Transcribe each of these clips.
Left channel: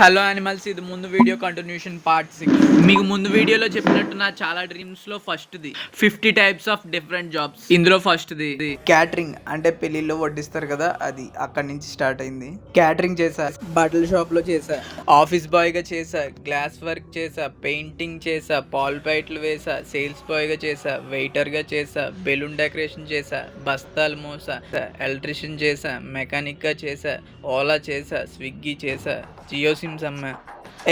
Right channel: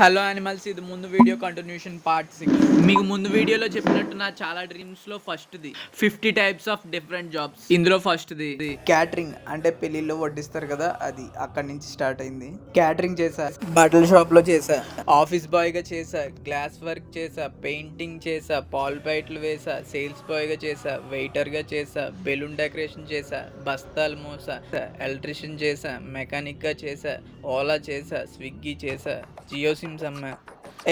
Hello animals, ఇది ముందు video continuation part 6. మీకు ముందు వీడియోలో చెప్పినట్టు నా చాలా డ్రీమ్స్ లో ఫస్ట్ది 50 టైప్స్ ఆఫ్ డిఫరెంట్ జాబ్స్. ఇందులో ఫస్ట్ది క్యాటరింగ్, అంటే పెళ్లిలో వడ్డిస్తారు కదా, అది అక్కడి నుంచి స్టార్ట్ అయింది. క్యాటరింగ్ చేసా, బట్టల షాప్ లో చేసా, ఆఫీస్ బాయ్ గా చేసా, గ్లాస్ వర్క్ చేసా, పెయింటింగ్ చేసా, పాల్ బైట్లు వేసా, సేల్స్ బాయ్ గా చేసా, వెయిటర్ గా చేసా, బెలూన్ డెకరేషన్ చేసా, బస్తాలు మోసా, ఎలక్ట్రీషియన్ చేసా, మెకానిక్ గా చేసా, ఓలా చేసా, స్విగ్గీ చేసా, జియో సిమ్స్ అమ్మా,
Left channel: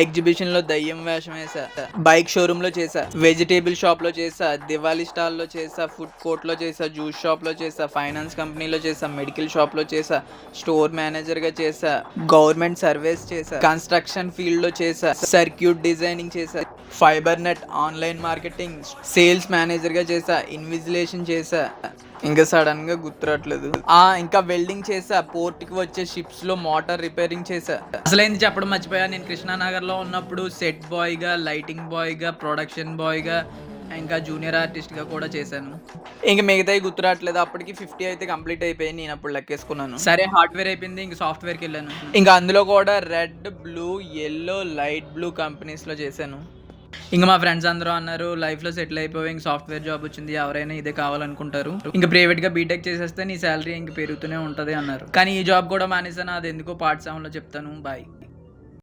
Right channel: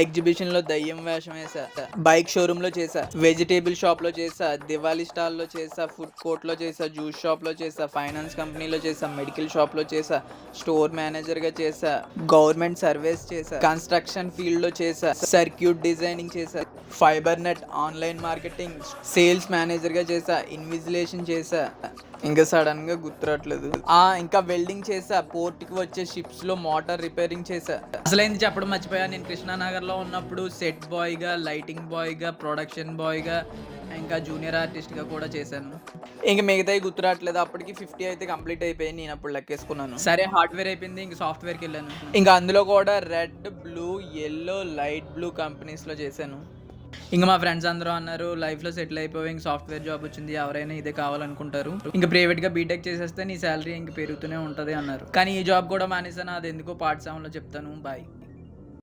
ఎగ్జిబిషన్ లో దయ్యం వేషం వేసా, బైక్ షోరూమ్ లో చేసా, వెజిటేబుల్ షాప్ లో చేసా, దివాళీ స్టాల్ లో చేసా, ఫుడ్ కోర్ట్ లో చేసా, జ్యూస్ షాప్ లో చేసా, ఫైనాన్స్ కంపెనీలో చేసా, మెడికల్ షాప్ లో చేసా, స్టోర్ మేనేజర్ గా చేసా, గవర్నమెంట్ సర్వీస్ చేసా, కన్స్ట్రక్షన్ ఫీల్డ్ లో చేసా, సర్క్యూట్ డిజైనింగ్ చేసా, fibre net online marketing sales manager గా చేసా, ఇన్విజిలేషన్ చేసా, ఇంకా సడన్ గా గుర్తురావట్లేదు. ఇంకా వెల్డింగ్ చేసా, పోర్ట్ కి వచ్చే షిప్స్ లో మోటార్ రిపేరింగ్ చేసా. అసలైంది చెప్పడం మర్చిపోయా, నేను కృష్ణానగర్ లో ఉన్నప్పుడు సెట్ బాయ్ గా, లైటింగ్ బాయ్ గా, ప్రొడక్షన్ బాయ్ గా, ఇంకా జూనియర్ ఆర్టిస్ట్ గా కూడా చేశాను. ఇంకా మిగతాయి గుర్తురావట్లేదు. అప్పటికి 50 అయితే కంప్లీట్ అయిపోయింది. నేను అప్పుడు లెక్కేసుకున్నాను. సరే, హార్డ్వేర్ అయిపోయింది, ఇంకా సాఫ్ట్వేర్ కి వెళ్ళాను. ఇంకా అందులో కూడా red, blue, yellow, light blue companies లో చేశాను. ఇంకా మా ఫ్రెండ్స్ అందరూ అన్నారు, లైఫ్లో సెటిల్ అయిపోయి ఇంక సాఫ్ట్వేర్ జాబ్ వచ్చింది, ఎవరైనా ఇదే కావాలనుకుంటారు, ఇంకా ప్రైవేట్గా బీటెక్ చేసేస్తే నీ శాలరీ ఇంక పెరుగుతూనే ఉంటుంది అన్నారు. కానీ ఈ జాబ్ కూడా మానేసాను, అది ఎందుకో పార్ట్ 7లో చెప్తాను. బాయ్.